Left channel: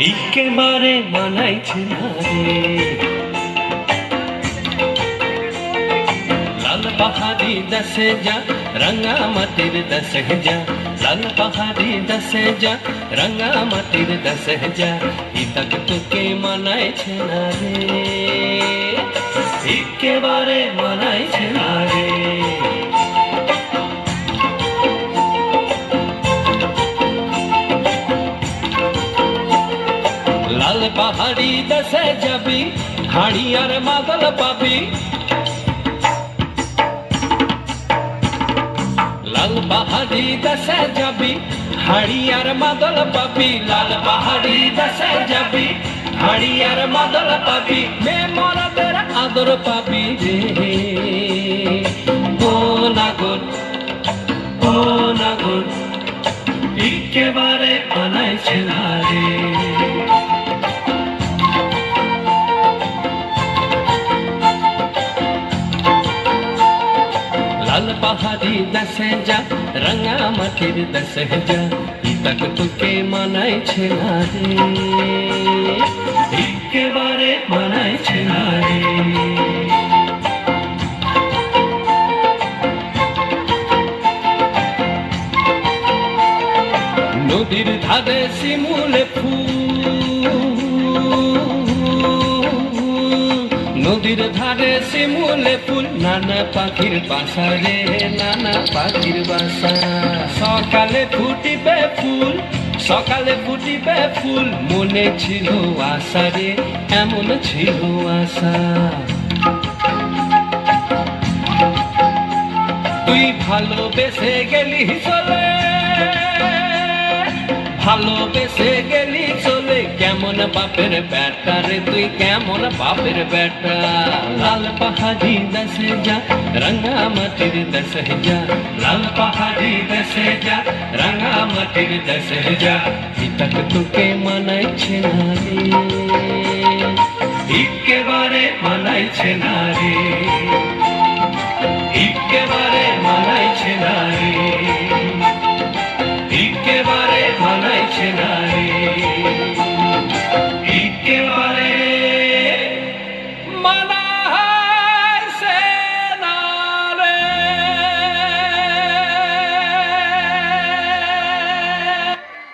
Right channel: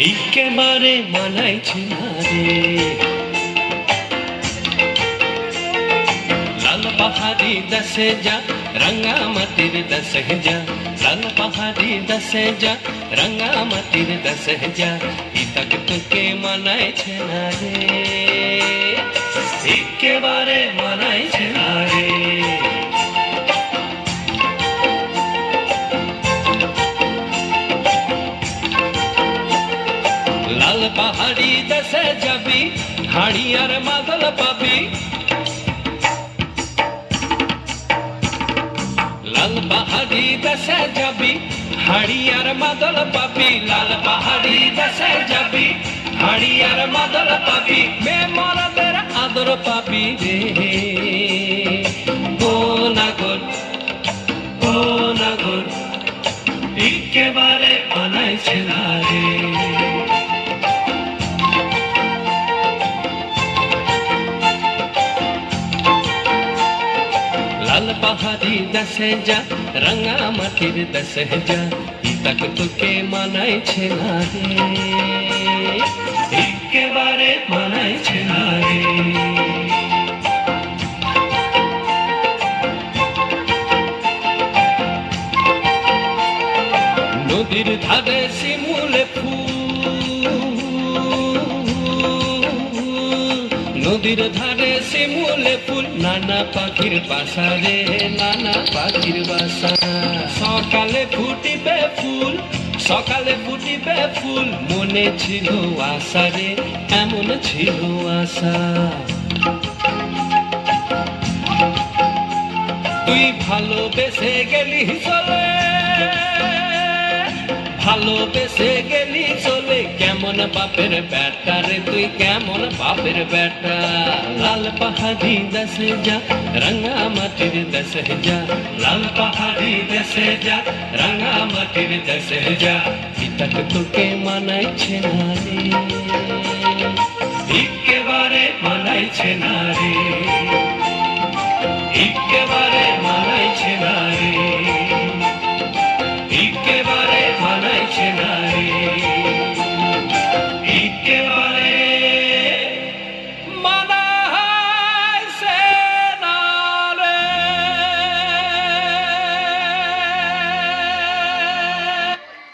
একেবারে মানাইছে না রে। লাল পাহাড়ি দেশে যা, রাঙা মাটির দেশে যা, লাল পাহাড়ি দেশে যা, রাঙা মাটির দেশে যা, ইতাক তোকে মানাইছে না রে, একেবারে মানাইছে না রে। লাল পাহাড়ি দেশে যাবি, হাড়ি আর মাদল পাবি, লাল পাহাড়ি দেশে যাবি, হাড়ি আর মাদল পাবি, লাল পাহাড়ি দেশে যাবি, হাড়ি আর মাদল পাবি, মেয়েমারাদের আদর পাবি রে। ও নাগর, ও নাগর, একেবারে মানাইছে না রে। লাল পাহাড়ি দেশে যা, রাঙা মাটির দেশে যা, ইতাক তোকে মানাইছে না রে, একেবারে মানাইছে না রে। নদীর ধারে শিমুলে ফুল, নদীর ধারে শিমুলে ফুল, নানা পাখির বাসা রে, নানা পাখির বাসা। সকালে ফুটিবে ফুল, সকালে ফুটিবে ফুল, মনে ছিল আশা রে, এমন ছিল আশা। তুই ভালোবেসে গেলি চলে, ভালোবেসে গেলি চলে, কেমন বাপের বেটা রে তুই, কেমন বাপের বেটা। লাল পাহাড়ি দেশে যা, রাঙা মাটির দেশে যা, লাল পাহাড়ি দেশে যা, রাঙা মাটির দেশে যা, ইতাক তোকে মানাইছে না রে, একেবারে মানাইছে না রে।